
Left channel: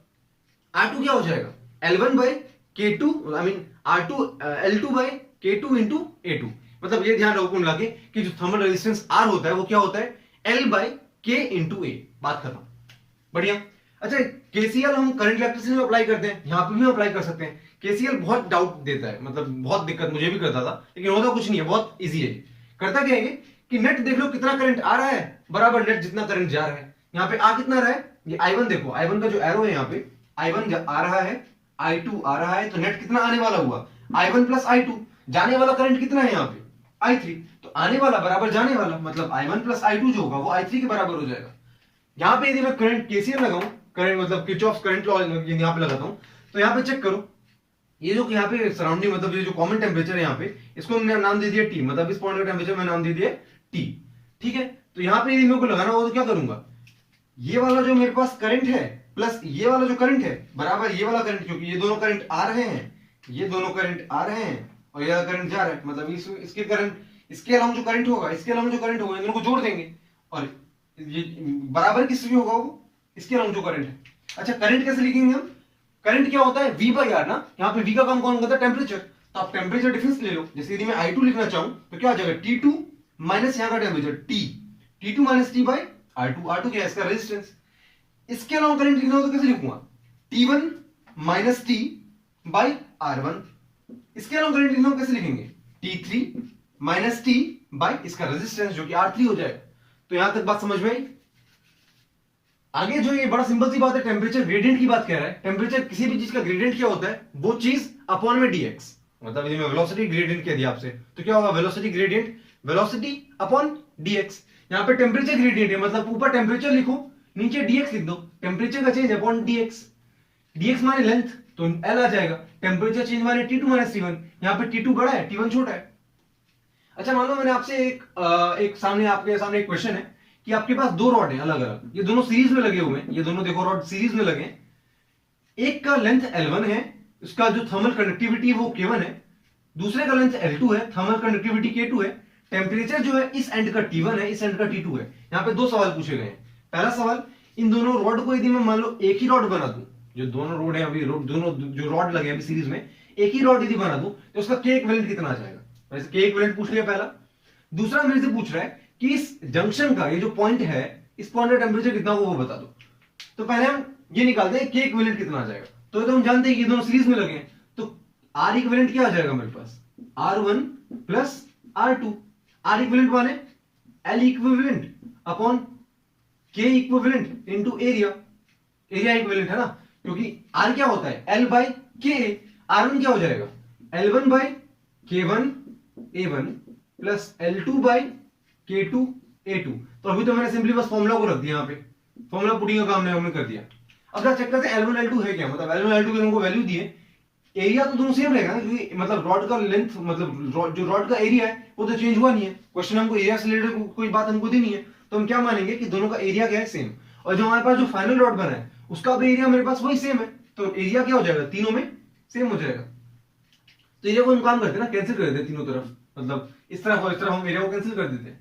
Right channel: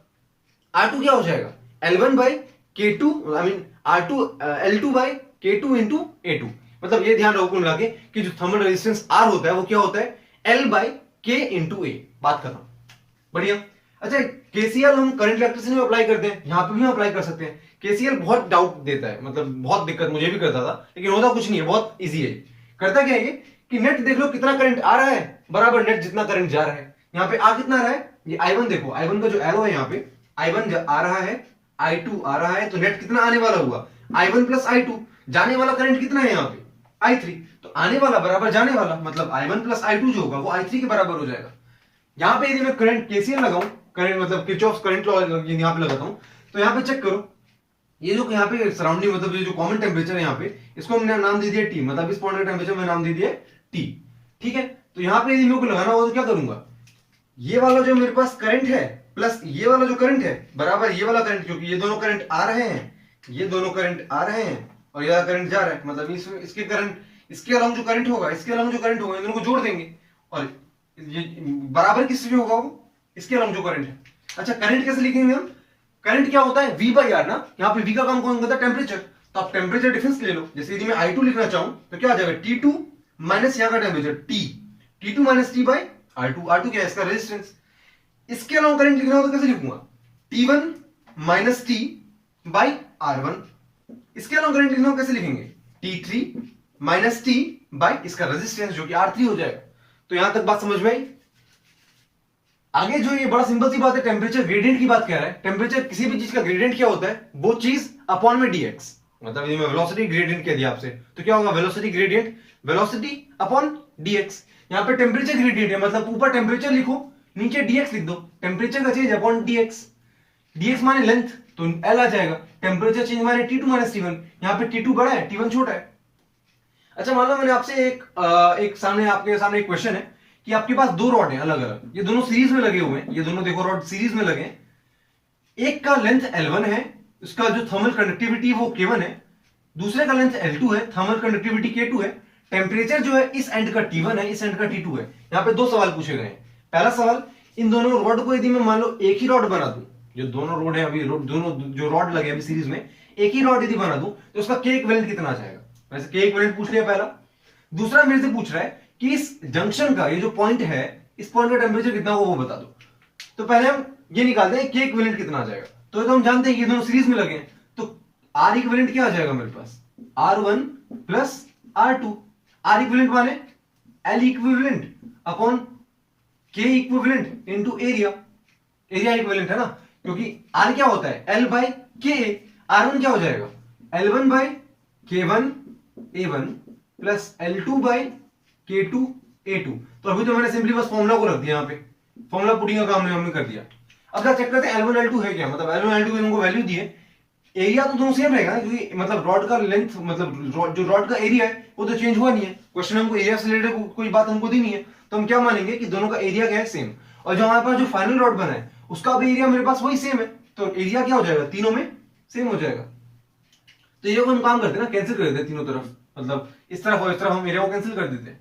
R2 क्या हो जाएगा, L1 by K2 I mean R2 L2 by K2 into A2। मतलब ये ध्यान रखो लगे कि जो थर्मल रेजिस्टेंस R होता है वो क्या होता है, L by K into A। बात खत्म। बढ़िया। अच्छा केसीएल हम करंट इलेक्ट्रिसिटी में अप्लाई करते हैं, यहां पे भी हम अप्लाई कर सकते हैं। केसीएल बहुत डाउट देता है, मतलब बहुत दिक्कत मुझे भी करता था, लेकिन होता कुछ नहीं है, बहुत इजी है। करता क्या है कि नेट देख लो कितना करंट आ रहा है बराबर नेट जितना करंट जा रहा है। यहाँ पे आ कितना रहा है, ये I1 देखो, I1 का जो एरो है यहाँ पे I1 आ रहा है, I2 आ रहा है, तो नेट कितना आने वाला हुआ, I1 प्लस I2। जाने वाला करंट कितना है यहाँ पे I3। तो आने वाला बराबर जाने वाला, मतलब I1 प्लस I2 जो होगा वो I3 के बराबर हो जाएगा। यहाँ पे यदि मैं करंट केसीएल लगाऊं, करंट मतलब किरचॉफ करंट लॉ यहाँ पे लगाता हूं, तो यहाँ पे चेक करो, ये जो यहाँ पे सराउंडिंग मतलब ये जो कॉमन टेम्परेचर है यहाँ पे, इसको हमने नाम दे दिया T, मतलब इस पॉइंट का टेम्परेचर में नाम दे दिया T। ठीक है। तो यहाँ पे यदि मेरे को लगाना होगा तो क्या करूंगा, ये वाला जो मेरे पास करंट है प्लस ये वाला जो करंट है बराबर ये वाला करंट, क्योंकि ये दोनों करंट आ रहे हैं, ये दोनों करंट आ रहे हैं और ये करंट जा रहा है, मतलब इसके करंट, इसके अलावा जो करंट होगा, इसके अलावा जो करंट होगा, इन दोनों को जोड़ देंगे और ये बराबर किससे होगा, वो इसके अलावा जो करंट है। अच्छा करंट कैसे लिखेंगे हम, करंट क्या होता है V बाई आर ना, यहाँ पे V का काम कौन करता है, टेम्परेचर। तो आप टेम्परेचर डिफरेंस ले लो, जैसे यदि मैं I2 लिखना चाहूं तो क्या आ जाएगा, T2 माइनस यहाँ का temperature T, T2 minus T by R2। R2 क्या है, इसका रेजिस्टेंस। इसके अलावा करंट लिखना हो तो कैसे लिखूंगा, T1 minus T by R1। इसके अलावा करंट लिखना हो कैसे लिखेंगे, T3 माइनस T बाई इसका रेजिस्टेंस जो कि R3 हो जाएगा। तो यहां तक बात समझ में आई। आगे जो ये बड़ा सिंपल सी बात है, टेम्परेचर ग्रेडियंट की बात कह रहा है। टेम्परेचर किसी भी चीज का ग्रेडियंट क्या होता है, वो चीज अपॉन में dx। मतलब यदि मैं वेलोसिटी ग्रेडियंट कह दिया आपसे तो क्या होगा, velocity gradient velocity upon dx। यहां पे टेम्परेचर ग्रेडियंट है, मतलब ऊपर टेम्परेचर लिखो नीचे dx लिख दो, टेम्परेचर का चेंज अपॉन dx। dx माने लेंथ, तो L आ जाएगा। टेम्परेचर चेंज माने T2 माइनस T1, यहाँ पे T2 बड़ा है T1 छोटा है। अच्छा मान लो मैंने आपसे आपके सामने एक क्वेश्चन है कि आपके पास दो रॉड हैं अलग अलग, ये दोनों सीरीज में लगे हुए हैं, ये दोनों देखो रॉड सीरीज में लगे हैं। एक का लेंथ L1 है, उसका जो थर्मल कंडक्टिविटी वो K1 है, दूसरे का लेंथ L2 है, थर्मल कंडक्टिविटी K2 है। टेम्परेचर जो है इस एंड का T1 है, इस एंड का T2 है। यहाँ पे दो सवाल पूछे गए हैं। पहला सवाल, इन दोनों रॉड को यदि मैं मान लो एक ही रॉड बना दूं, जो दोनों रॉड है अभी दोनों जो रॉड लगे अभी सीरीज में, एक ही रॉड यदि बना दूं तो उसका K इक्विवेलेंट कितना आ जाएगा। वैसे K इक्विवेलेंट पूछ लिया पहला। दूसरा मेरे से पूछ रहा है कि इस जंक्शन का ये जो पॉइंट है, इस पॉइंट का टेम्परेचर कितना होगा वो बता दो। तो पहले हम ये निकालते हैं K इक्विवेलेंट कितना आ जाएगा। तो हम जानते हैं कि ये दोनों सीरीज में लगे हैं, तो R इक्विवेलेंट क्या आ जाएगा मेरे पास, R1 plus R2। R equivalent माने L equivalent upon K equivalent into area. Area equivalent है ना, क्योंकि R क्या होता है, L बाई K। R1 क्या हो जाएगा, L1 by K1 A1 plus L2 by K2 A2। तो अभी तो मैंने सिंपली बस फॉर्मूला को रख दिया, यहाँ पे फॉर्मूला पुटिंग का काम हमने कर दिया। अब क्या चेक करते हैं L1 L2 है क्या, मतलब L1 L2 के उनको वैल्यू दिए। एरिया तो दोनों सेम रहेगा ना, क्योंकि मतलब रॉड का लेंथ, मतलब जो रॉड का एरिया है वो तो चेंज हुआ नहीं है। क्वेश्चन हमको एरिया से रिलेटेड कोई बात हमको दी नहीं है, तो हम क्या मानेंगे कि दोनों का एरिया क्या है, सेम। और जो हमारे पास जो फाइनल रॉड बना है उसका भी एरिया मेरे पास वही सेम है, तो एरिया क्या हो जाएगा, तीनों में सेम हो जाएगा। तो एरिया को हम काम करते हैं ना, कैंसिल कर देते तीनों तरफ, मतलब इस तरफ और इस तरफ हम एरिया को कैंसिल कर देते हैं,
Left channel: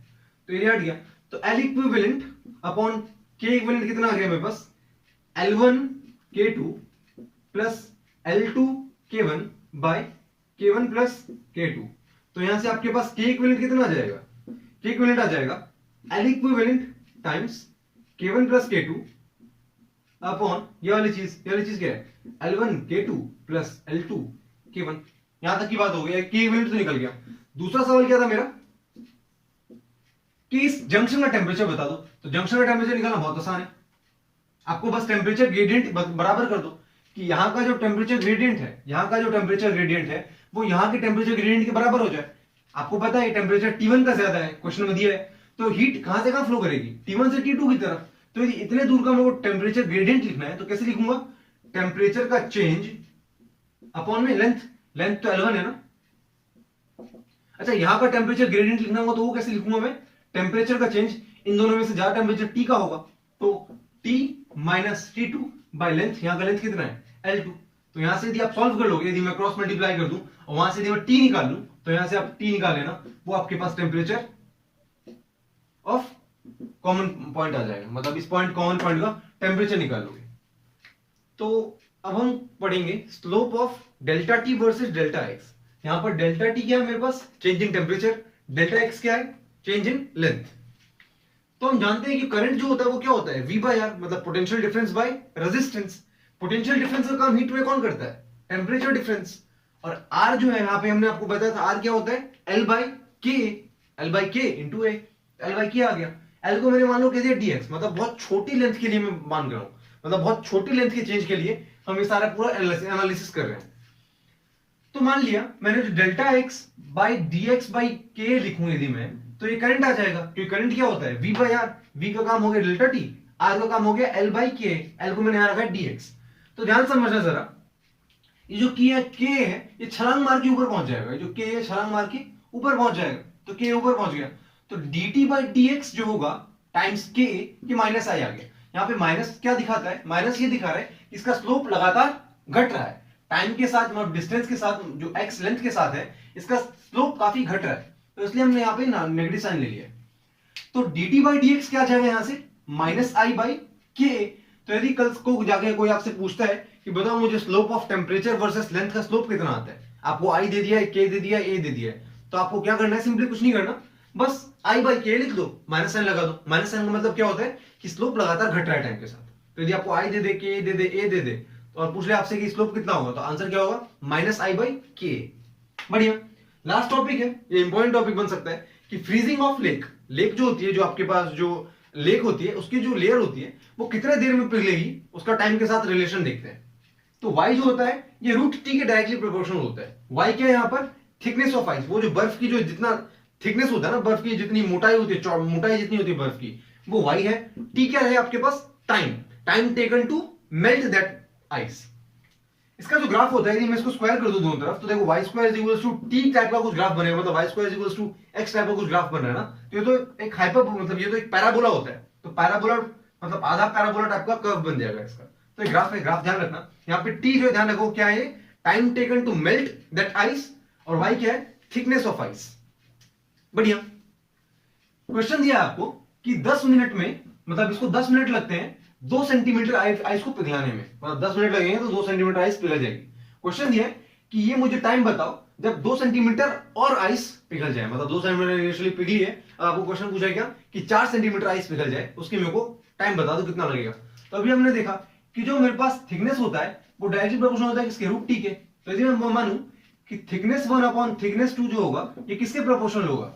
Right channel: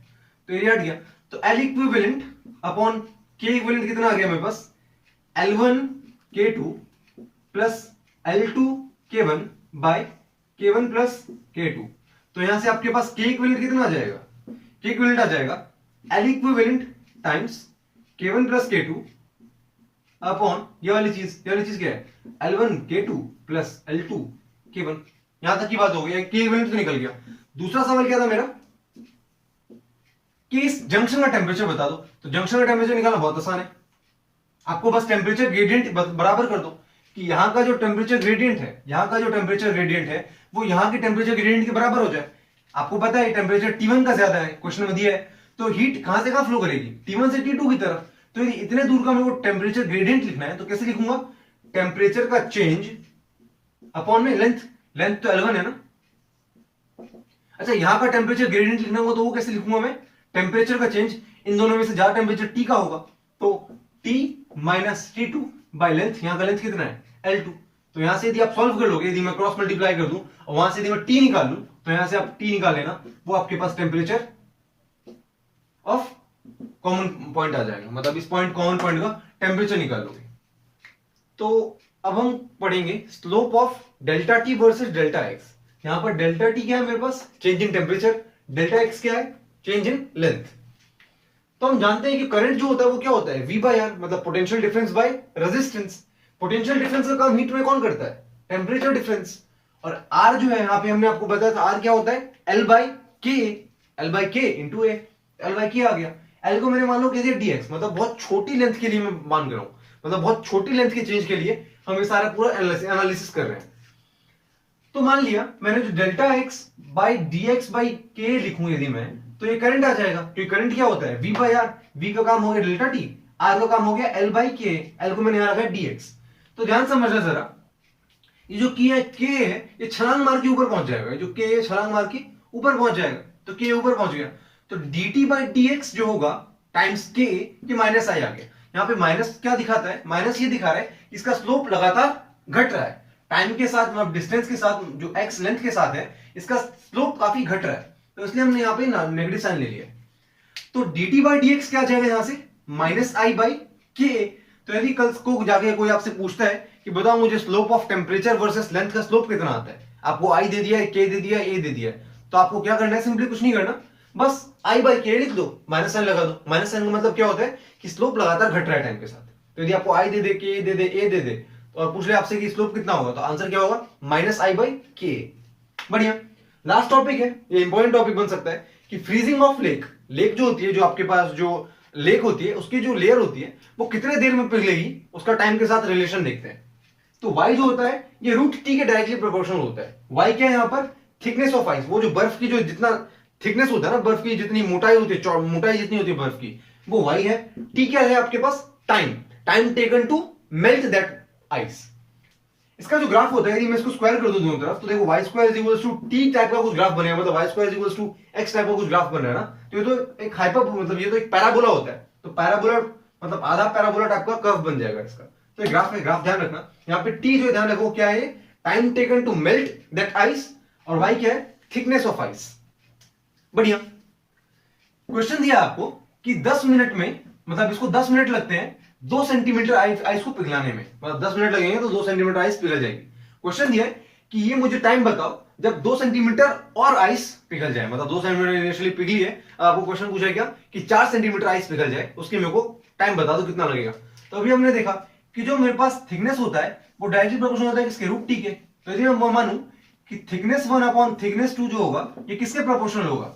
तो एरिया हट गया। तो L equivalent upon K equivalent कितना आ गया मेरे पास, L1 K2 plus L2 K1 bye K1 plus K2। तो यहां से आपके पास K इक्विवेलेंट कितना आ जाएगा, K इक्विवेलेंट आ जाएगा L equivalent times K1 plus K2 upon ये वाली चीज क्या है, L1 K2 plus L2 K1। यहां तक की बात हो गई, के इक्विवेलेंट तो निकल गया। दूसरा सवाल क्या था मेरा कि इस जंक्शन का टेम्परेचर बता दो। तो जंक्शन का टेम्परेचर निकालना बहुत आसान है, आपको बस टेम्परेचर ग्रेडियंट बराबर कर दो कि यहां का जो टेम्परेचर ग्रेडियंट है, यहां का जो टेम्परेचर ग्रेडियंट है वो यहां के टेम्परेचर ग्रेडियंट के बराबर हो जाए। आपको पता है टेम्परेचर T1 का ज्यादा है, क्वेश्चन में दिया है, तो हीट कहां से कहां फ्लो करेगी, T1 से T2 की तरफ। तो यदि इतने दूर का मेरे को टेम्परेचर ग्रेडियंट लिखना है तो कैसे लिखूंगा, टेम्परेचर का चेंज अपॉन में लेंथ, लेंथ तो L1 है ना। अच्छा, यहां का टेम्परेचर ग्रेडियंट लिखना होगा तो वो कैसे लिखूंगा मैं, टेम्परेचर का चेंज, इन दोनों में से ज्यादा टेम्परेचर T का होगा तो T minus T2 by length, यहां का लेंथ कितना है L2। तो यहां से यदि आप सॉल्व कर लोगे, यदि मैं क्रॉस मल्टीप्लाई कर दूं और वहां से यदि मैं T निकाल लूं तो यहां से आप T निकाल लेना, वो आपके पास टेम्परेचर ऑफ कॉमन पॉइंट आ जाएगा, मतलब इस पॉइंट कॉमन पॉइंट का टेम्परेचर निकाल लोगे। तो अब हम पढ़ेंगे slope of delta T versus delta X. यहां पर डेल्टा टी क्या है मेरे पास, change in temperature, delta X क्या है, चेंज इन लेंथ। तो हम जानते हैं कि करंट जो होता है वो क्या होता है, V बाय आर, मतलब potential difference by resistance. Potential difference का काम हीट में कौन करता है, टेम्परेचर डिफरेंस। और R जो है यहां पे हमने आपको बताया था R क्या होता है, L बाय के, L बाय के इंटू ए, L बाय के आ गया। L को मैंने मान लो कह दिया dx, मतलब बहुत छोटी लेंथ के लिए मैं मान रहा हूं, मतलब बहुत छोटी लेंथ के चेंज के लिए हम ये सारा पूरा एनालिसिस कर रहे हैं। तो मान लिया मैंने जो delta x by D x by के लिखूं यदि मैं, तो ये करंट आ जाएगा, क्योंकि करंट क्या होता है, V बाई आर, V का काम हो गया डेल्टा टी, R का काम हो गया L बाई के, L को मैंने यहां रखा है dx। तो ध्यान समझना जरा, ये जो के है ये छलांग मार के ऊपर पहुंच जाएगा, जो के है छलांग मार के ऊपर पहुंच जाएगा, तो के ऊपर पहुंच गया, तो dt बाई dx जो होगा टाइम्स के, ये माइनस आई आ गया। यहाँ पे माइनस क्या दिखाता है, माइनस ये दिखा रहा है इसका स्लोप लगातार घट रहा है टाइम के साथ, मतलब डिस्टेंस के साथ, जो x लेंथ के साथ है इसका स्लोप काफी घट रहा है, तो इसलिए हमने यहाँ पे नेगेटिव साइन ले लिया। तो dt बाई dx क्या आ जाएगा यहाँ से, माइनस आई बाई के। तो यदि कल को जाके कोई आपसे पूछता है कि बताओ मुझे slope of temperature versus length का स्लोप कितना आता है, आपको आई दे दिया है, के दे दिया है, ए दे दिया है, तो आपको क्या करना है, सिंपली कुछ नहीं करना, बस आई बाई के लिख दो, माइनस साइन लगा दो। माइनस साइन का मतलब क्या होता है कि स्लोप लगातार घट रहा है टाइम के साथ। तो यदि आपको आई दे दे, के दे दे, ए दे दे, तो और पूछ ले आपसे कि स्लोप कितना होगा, तो आंसर क्या होगा, माइनस आई बाई के। बढ़िया। लास्ट टॉपिक है, ये इंपॉर्टेंट टॉपिक बन सकता है कि फ्रीजिंग ऑफ लेक। लेक जो होती है, जो आपके पास जो लेक होती है उसकी जो लेयर होती है वो कितने देर में पिघलेगी, उसका टाइम के साथ रिलेशन देखते हैं। तो y जो होता है ये रूट टी के डायरेक्टली प्रोपोर्शनल होता है। y क्या है यहाँ पर, थिकनेस ऑफ आइस, वो जो बर्फ की जो जितना थिकनेस होता है ना, बर्फ की जितनी मोटाई होती है, मोटाई जितनी होती है बर्फ की, वो y है। t क्या है आपके पास, time, time taken to melt that ice. इसका जो ग्राफ होता है, यदि मैं इसको स्क्वायर कर दूं दोनों तरफ, तो देखो y square is equals to t type का कुछ ग्राफ बनेगा, मतलब y square is equals to x type का कुछ ग्राफ बन रहा है ना। तो ये तो एक हाइपर, मतलब ये तो एक पैराबोला होता है, तो पैराबोला मतलब आधा पैराबोला टाइप का कर्व बन जाएगा इसका। तो ये ग्राफ है, ग्राफ ध्यान रखना। यहाँ पे t जो ध्यान रखो क्या है, time taken to melt that ice, और y क्या है, थिकनेस ऑफ आइस। बढ़िया। क्वेश्चन दिया आपको कि 10 मिनट में, मतलब इसको 10 मिनट लगते हैं 2 सेंटीमीटर आइस को पिघलाने में, मतलब 10 मिनट लगेंगे तो 2 सेंटीमीटर आइस पिघल जाएगी। क्वेश्चन दिया है कि ये मुझे टाइम बताओ जब 2 सेंटीमीटर और आइस पिघल जाए, मतलब 2 सेंटीमीटर इनिशियली पिघली है, आपको क्वेश्चन पूछा क्या कि 4 सेंटीमीटर आइस पिघल जाए, उसके मेरे को टाइम बता दो कितना लगेगा। तो अभी हमने देखा कि जो मेरे पास थिकनेस होता है वो डायरेक्टली प्रोपोर्शनल होता है किसके, रूट टी के। तो यदि मैं मानूं कि थिकनेस 1 अपॉन थिकनेस 2 जो होगा ये किसके प्रोपोर्शनल होगा,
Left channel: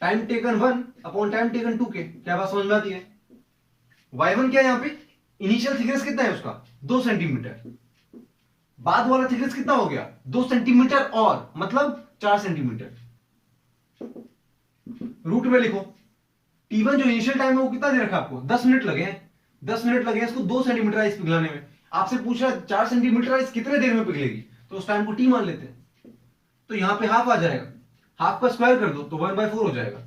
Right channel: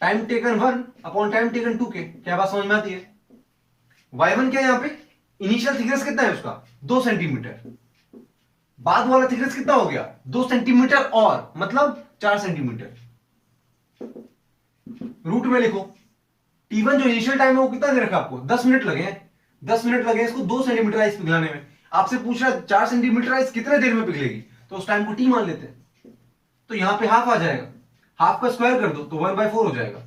time taken 1 upon time taken 2 के। क्या बात समझ में आती है। y1 क्या है यहाँ पे, इनिशियल थिकनेस कितना है उसका, 2 सेंटीमीटर, बाद वाला थिकनेस कितना हो गया, 2 सेंटीमीटर और, मतलब 4 सेंटीमीटर। रूट में लिखो, T1 जो इनिशियल टाइम है वो कितना दे रखा आपको, 10 मिनट लगे हैं, 10 मिनट लगे इसको 2 सेंटीमीटर आइस पिघलाने में। आपसे पूछ रहा है 4 सेंटीमीटर आइस कितने देर में पिघलेगी, तो उस टाइम को T मान लेते हैं। तो यहां पे हाफ आ जाएगा, हाफ का स्क्वायर कर दो तो 1/4 हो जाएगा।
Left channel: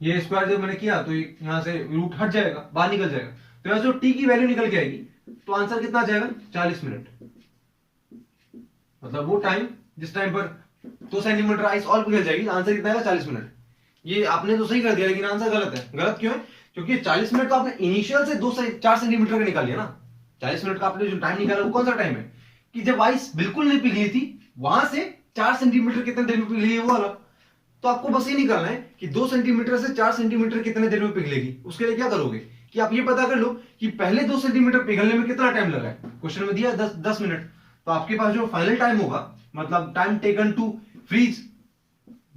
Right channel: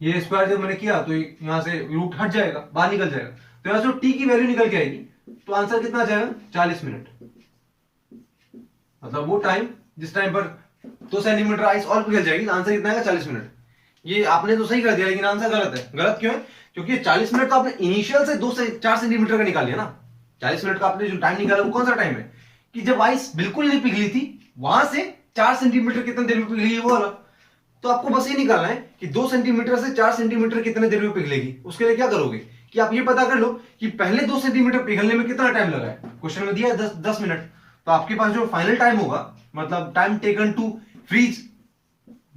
ये स्क्वायर जब मैंने किया तो यहां से रूट हट जाएगा, बाहर निकल जाएगा, तो यहां से टी की वैल्यू निकल के आएगी, तो आंसर कितना आ जाएगा, 40 मिनट। मतलब वो टाइम जिस टाइम पर 2 सेंटीमीटर आइस और पिघल जाएगी, आंसर कितना आएगा, 40 मिनट। ये आपने तो सही कर दिया, लेकिन आंसर गलत है। गलत क्यों है, क्योंकि 40 मिनट तो आपने इनिशियल से 2 से 4 सेंटीमीटर का निकाल लिया ना। 40 मिनट का आपने जो टाइम निकाला वो कौन सा टाइम है कि जब आइस बिल्कुल नहीं पिघली थी, वहां से 4 सेंटीमीटर कितने देर में पिघली है वो वाला। तो आपको बस ये निकालना है कि 2 सेंटीमीटर से 4 सेंटीमीटर कितने देर में पिघलेगी। उसके लिए क्या करोगे कि आप ये पता कर लो कि पहले 2 सेंटीमीटर पिघलने में कितना टाइम लगा है। क्वेश्चन में दिया है 10 मिनट, तो आपके पास जो फाइनल टाइम होगा मतलब time taken to freeze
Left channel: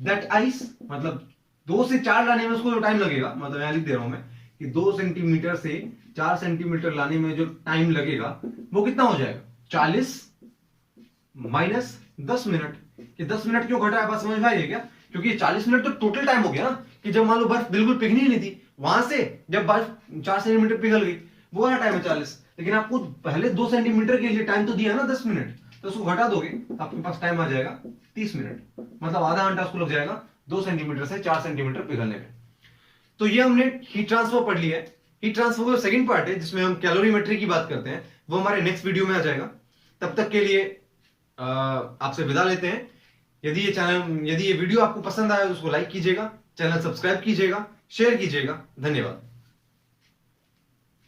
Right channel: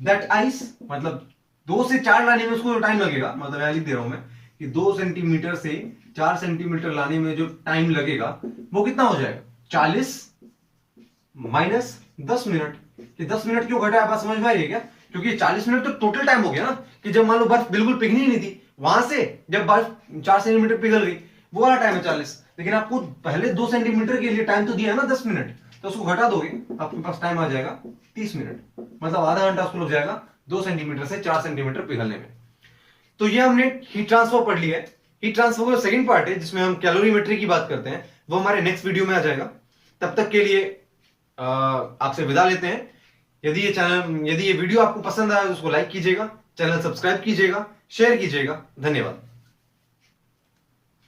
that ice, मतलब 2 से 4 लाने में उसको टाइम लगेगा, मतलब यहां लिख दे रहा हूं मैं कि 2 सेंटीमीटर से 4 सेंटीमीटर लाने में जो टाइम लगेगा वो कितना हो जाएगा, 40 माइनस 10 मिनट। ये 10 मिनट क्यों घटा है, बात समझ में आई है क्या? क्योंकि 40 मिनट तो टोटल टाइम हो गया ना, कि जब मान लो बर्फ बिल्कुल पिघली ही नहीं थी, वहां से जब बर्फ 4 सेंटीमीटर पिघल गई, वो वाला टाइम है 40। लेकिन आपको पहले 2 सेंटीमीटर के लिए टाइम तो दिया ना 10 मिनट, तो उसको घटा दोगे आपके पास टाइम आ जाएगा 30 मिनट, मतलब आधा घंटा उसको लग जाएगा 2 सेंटीमीटर से 4 सेंटीमीटर पिघलने में। तो ये हमने हीट ट्रांसफर पढ़ लिया है। हीट ट्रांसफर का सेकंड पार्ट है जिसमें हम कैलोरीमेट्री की बात करते हैं, वो हमारे नेक्स्ट वीडियो में आ जाएगा। तब तक के लिए आपसे विदा लेते हैं। यदि ये वीडियो आपको पसंद आया तो उसको लाइक कीजिएगा, चैनल सब्सक्राइब कीजिएगा, शेयर कीजिएगा। धन्यवाद।